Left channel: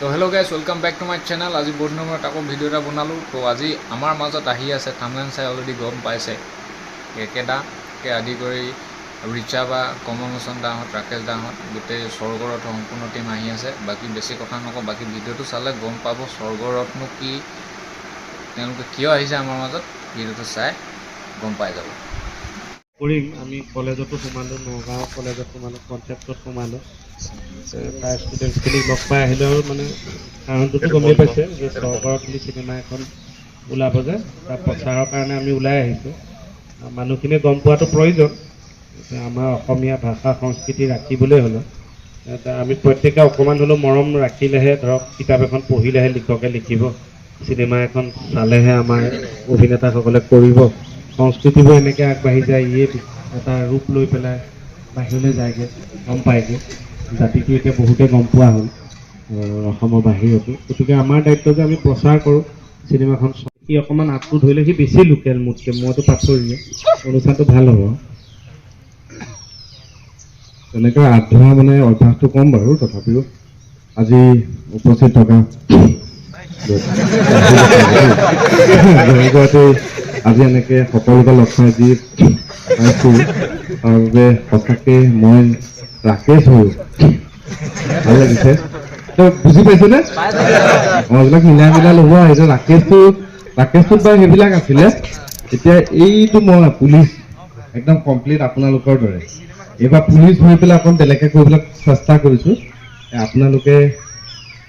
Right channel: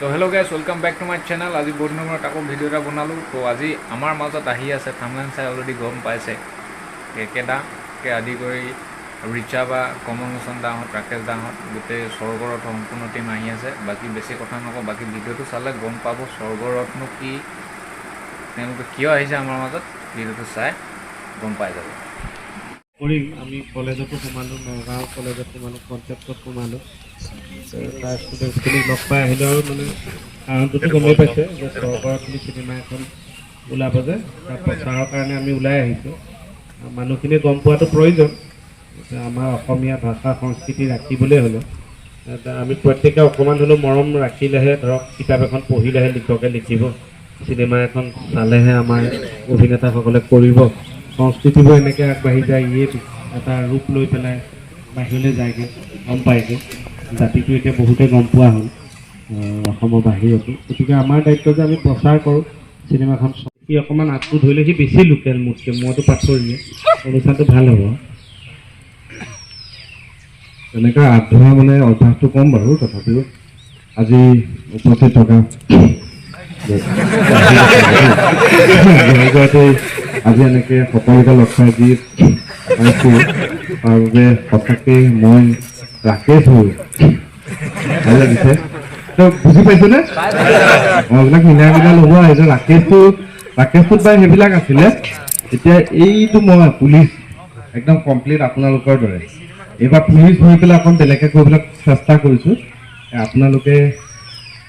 তো hello' guys, welcome back to my channel. আজি বহুত দিনৰ মূৰত আকৌ ভিডিঅ' এটা বনালোঁ। তো আজি আমাৰ মাজত আহি আছে, থাম্বনেইল চাই অলৰেডি গম পাইছে, কেকেদাকে আদি কৰি ৰিচা বা কমল লোচন দাহঁত, ৰাকেশ দাহঁত, গোটেই স্বৰ্গৰথ সম্পূৰ্ণ টীম আহি আছে। বাকী বেছি কথা নকওঁ, বাকী ভিডিঅ'টো চালে গম পাব স্বৰ্গৰথনো কি, তেওঁলোকে কিয় আহিছে আমাৰ মাজত। ভিডিঅ'টো চাই গম পাই যাব। কৰিম আমি কলেজতো সোমালোঁ, নগাঁও কলেজত সোমালোঁ, কনচেপ্টত সোমালোঁ। তাৰ ষ্টুডেণ্টছখিনিক লগ পাই আহিলেও মানে কাৰণটোতো গমেই পাইছে যে স্বৰ্গৰথ বুলি চিনেমা এখন ওলাব যে, তাৰ প্ৰচাৰৰ কাৰণে আমি ওলাই আহিছোঁ। মানুহখিনিয়ে গম পোৱাটো প্ৰয়োজন যে আমাৰ অসমীয়া ভাষা সংস্কৃতি ৰাখিবলৈ হ'লে আমি প্ৰত্যেকে অকণমান হ'লেও মৰম ৰাখিলেহে, ধৰক কিতাপ এখন পঢ়িলেহে লিখকে লিখিব, চিনেমা এখন চালেহে আমাৰ অভিনেতাসকলে কৰিব, সংস্কৃতিবোৰ এনেকৈ আগবাঢ়ি যায়, ইয়ে এটা ৰূপ লৈ পেলাই বাহিৰলৈ যায়গৈ। গম পাইছোঁ জাতিটো এতিয়া বহুতে গম পোৱা হ'ল অসমৰ বাহিৰতো। গতিকে আমাৰ দায়িত্ব যে আমি প্ৰচাৰ কৰোঁ চিনেমাখন। সি অকণমান আগটো ধৰিলে, সি বেছি লোকেল মোতকৈ, মইতো পাথৰীয়ে, অনুষ্ঠানটো ভাল হ'ব। তেনেকৈ আগবঢ়া মানে অভ্যাসটো কম বাৰু, তথাপিও আজি উপস্থিত থকা আজি এনেকৈ সকলোকে লগ পাই যি পাইছোঁ তাৰ বাবে সঁচাকৈ মই ৰাকেশ হৈ ভাল লাগিছে। তো বুজি পাইছেনে? এইবিলাক মিলাই লগোৱা আহিছে। ৰাকেশটোত বাৰু সেইবিলাক আছিলে, এতিয়া এইটো মই পুলিচ একদম কমপ্লিট আপোনালোকৰ দৰে। এইবাৰ পুলিচ হৈ পেলাই অকণ বেলেগে কৰিবলৈ চেষ্টা কৰিছোঁ। আপোনালোকে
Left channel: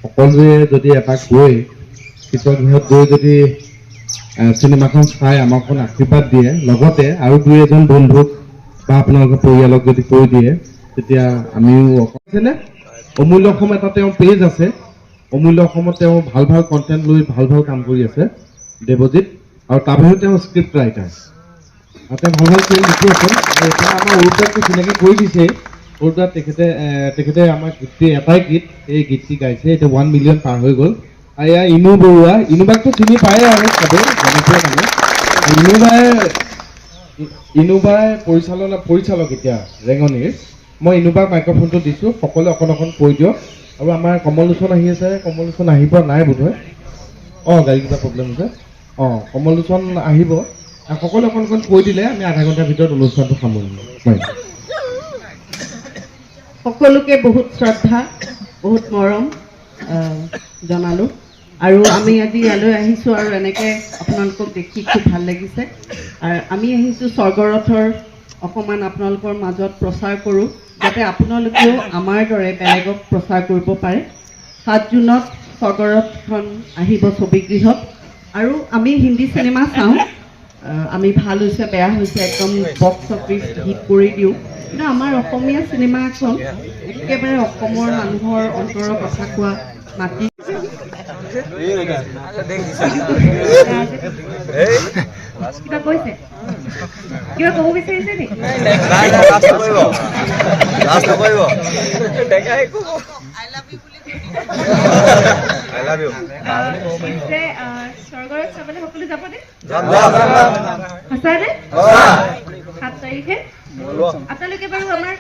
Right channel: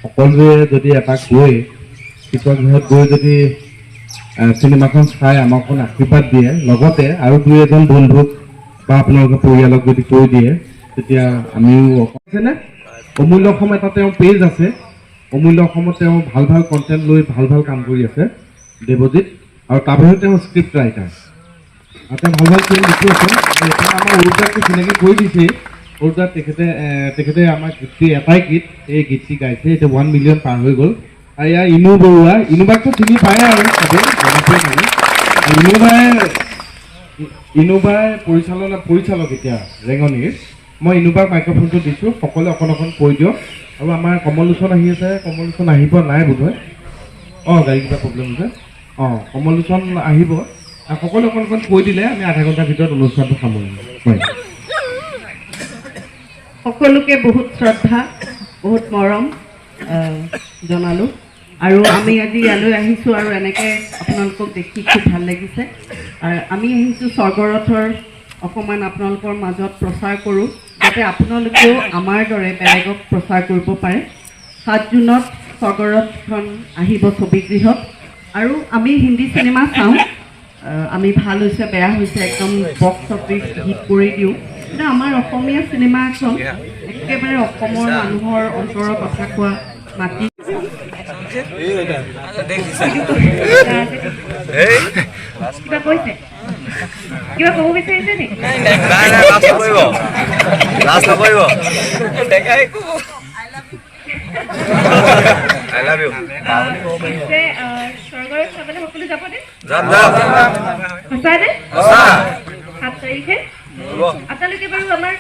সকলোৱে যদি এপাক গৈ পিছৰ ঘৰত গৈ যদি চিনেমাখন চাই আমাক আশীৰ্বাদ দিয়ে, লগতে আৰু দুই এজন বন্ধুক বা আপোনালোকৰ পৰিয়ালক যদি কৈ দিয়ে, তেতিয়া আমিও অকলে অমূল্য অসম এটা তেওঁৰ পেজ আছে। অমূল্য অসমত তেওঁ ভাল ভাল কণ্টেণ্ট লৈ ভাল ভাল কাম কৰি আছে, দেৱজিত, আৰু তাৰ বাহিৰেও তেওঁ স্ক্ৰিপ্ট ৰাইটাৰ। তেওঁ ভাল ভাল ফিল্ম লিখি আছে। এতিয়া আমাৰ অৰুদাকটো চিনাকি কৰি দিছে। অৰুদা তেখেতে আমাৰ গীতটি এটাই গীত, এই গীতটি গাইছে, এতিয়া 1 মিলিয়ন পাৰ হৈ গ'ল। আৰু এয়া ইনু বৰুৱা, ইনুবাকটো চিনি পায়ে আৰু চবেই জানিছে মানে। ইনুবাই পৰিচালক এতিয়া ৰেঙনিৰ। মই ইনুবাক মাইক্ৰফোনটো দিছোঁ, সকলোৱে অকণ কৈ দিয়ক। আৰু আমাৰ কমল লোচন আহি আছে, কমল লোচন আহিব নাই বোধহয়, গাড়ী কিবা প্ৰব্লেম হৈছে। কমল লোচন আহিব, সকলোৱে অকণ কৈ দিলে আমি আধা ঘণ্টাৰ ভিতৰত অনুষ্ঠানটো সামৰিম। সকলোকে বহুত শ্ৰদ্ধা, বহুত মৰম জনালোঁ। আৰু আমি আজি ইয়ালৈ আহিছোঁ, আৰু এনেকৈ আপোনালোকক দেখি খুব ভাল লাগিছে। আমি আহিছোঁ স্বৰ্গৰথৰ অকণমান আপোনালোকৰ মাজত প্ৰচাৰ কৰোঁ, যাতে আপোনালোকেও আমাৰ দৰে বেলেগক প্ৰচাৰ কৰিব পাৰে। 7 জুনত স্বৰ্গৰথখন আহিব ছবিগৃহত, আৰু আমি হিন্দী চিনেমা চাওঁ, আমি ভাল হৈছে বেয়া হৈছে একদম বক্স অফিচ হিট কৰি দিওঁ, কিন্তু আমাৰ অসমীয়া চিনেমা এখন একেবাৰে অসমৰ মানুহৰ অন্তৰৰ কথা কোৱা মাটি। কিবা কৈছে, কিবা ক'ব বিচাৰিছে নেকি? I love you. স্বৰ্গৰথ চাবলৈ সকলো যাবনে? যাম। সঁচানে? 7 তাৰিখে আপোনালোকে বাৰু আমাৰ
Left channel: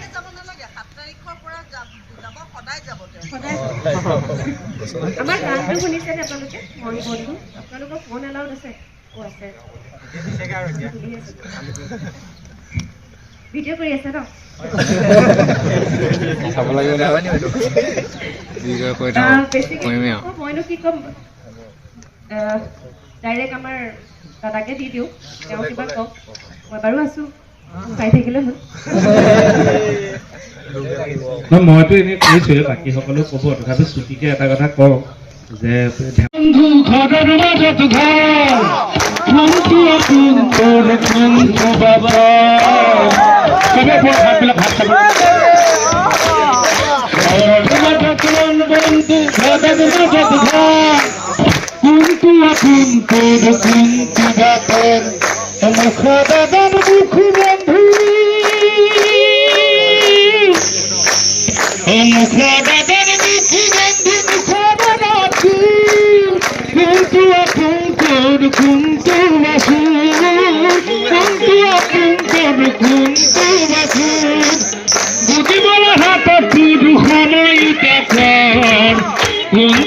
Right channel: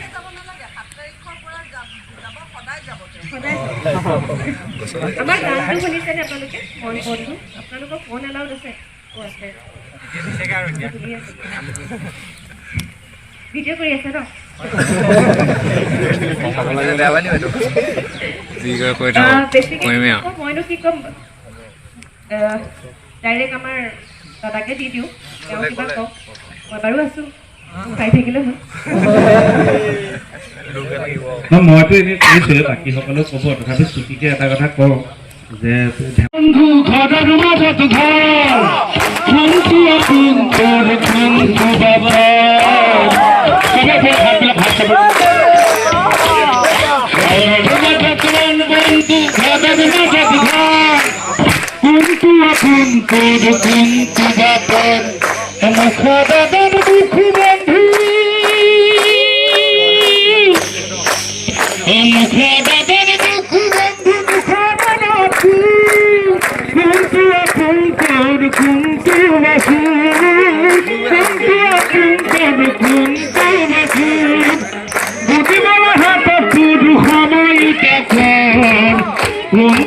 আমাৰ গানটো শুনিছেনে আপোনালোকে? বন্ধু আপোনালোকৰ ফোন এলাউড আছে? আছে। ভিডিঅ' কৰি আছে ন? মইনো কি ক'ম, ডাইৰেক্ট আমাৰ দাদাকে দি দিওঁ, তেওঁ কিবা কওক, মই বাৰু আছোঁ, চাই থাকিলে হ'ল। মইতো এনেই কৈছোৱে, বাকী সকলেও ক'ব, তথাপি চুটিকে এটা কথা কওঁ যে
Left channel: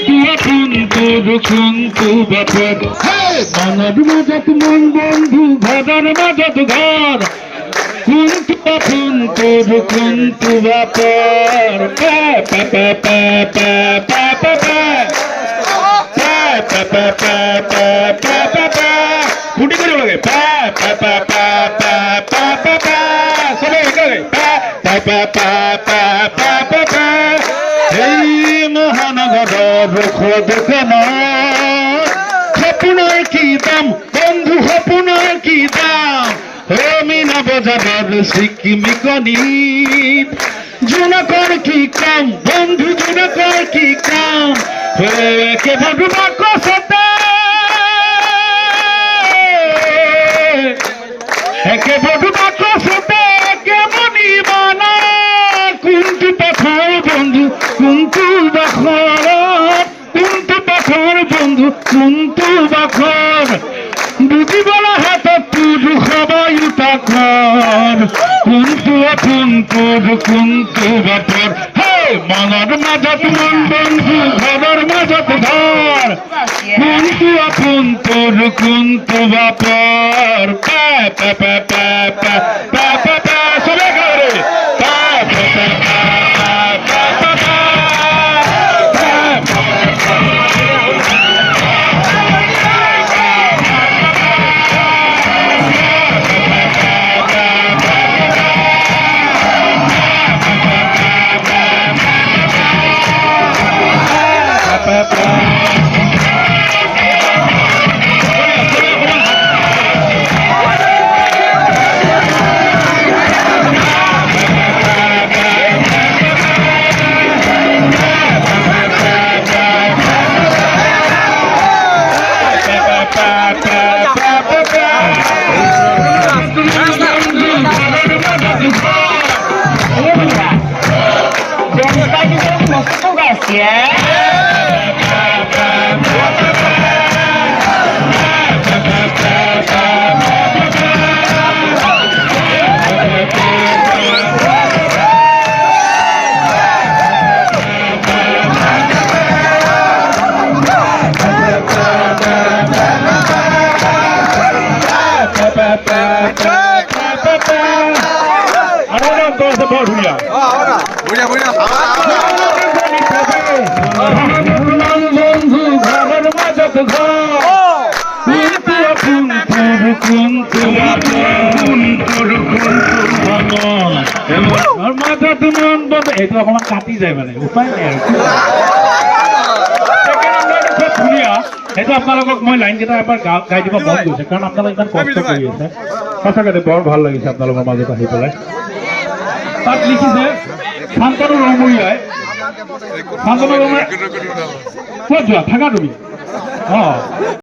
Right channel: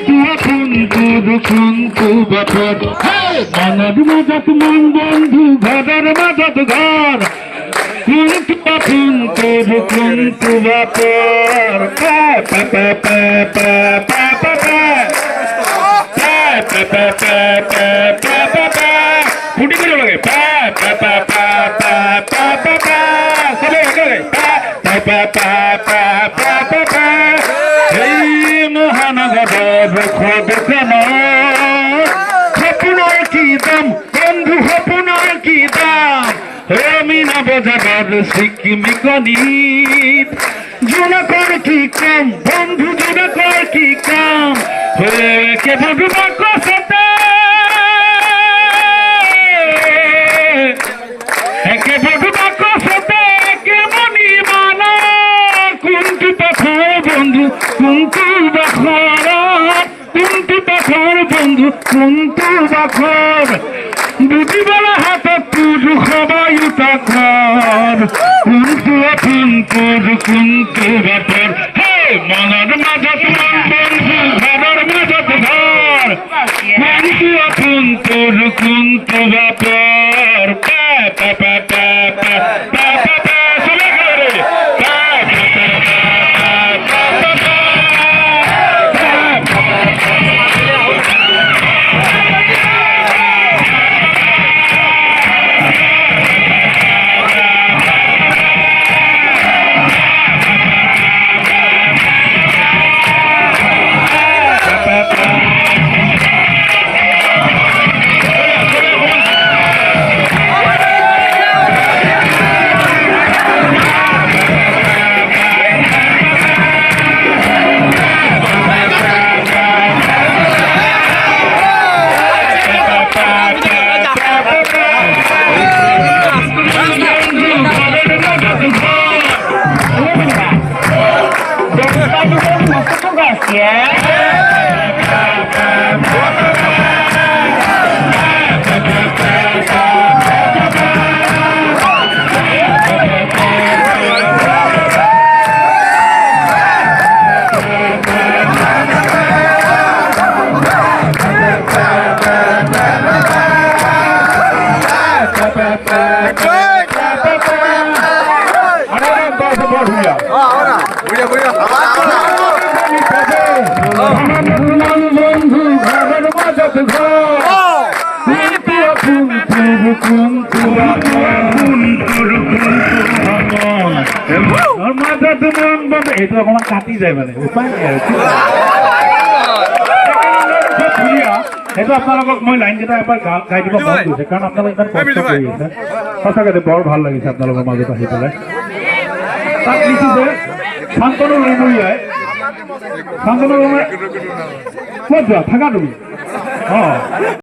কোনটো আপোন কোনটো বাপত মনৰ মাজত মন বন্ধু ঘৰৰ মাজত ঘৰ কোনটো আপোন কোনটো বাপৰ পা পা পা পা পা পা পা পা ফুটি কৰিব লাগে পা পা পা পা পা পা পা পা চবে একেলগে পা পা পা পা পা পা পা পা এই মহানগৰৰ সদখনৰ সপোনৰ কি দাম বন্ধু সপোনৰ কি দাম মিনা বজাৰত ছিকিমি কণীত জোনাকৰ কি কাম বন্ধু জোনাকৰ কি কাম কে ভাবিবা কচতে একে ভাবিবা কচতে কে মনিবা না কোনটো পথৰ বন্ধু কোনটো বাখৰ কোনটো পথৰ বন্ধু কোনটো বাখৰ বুজিবলৈ হাতত তুজু সবাই তাকৰ কোনটো আপোন কোনটো বাপৰ হে মনৰ মাজত মন বন্ধু ঘৰৰ মাজত ঘৰ কোনটো আপোন কোনটো বাপৰ পা পা পা পা পা পা পা পা চলে গেলে পা পা পা পা পা এইটো অকণমান কাটি যায় মানে উপায় নাই আৰু ধুনীয়া সেইটো আপোনালোকক মই লাইনকেইটা এবাৰ গাই দিব মন গৈছে কাৰণ আপোনালোকে ইমান কষ্ট কৰি আছে সঁচাকৈ বৰ ভাল লাগিছে আপোনালোকৰ মাজত আহি পেলাই তাত লিখিছে শান্তনু ৰঙমূৰীয়াই শান্তনু ৰঙমূৰীয়া ক'ত যোৱা থাকা তুমি অঁ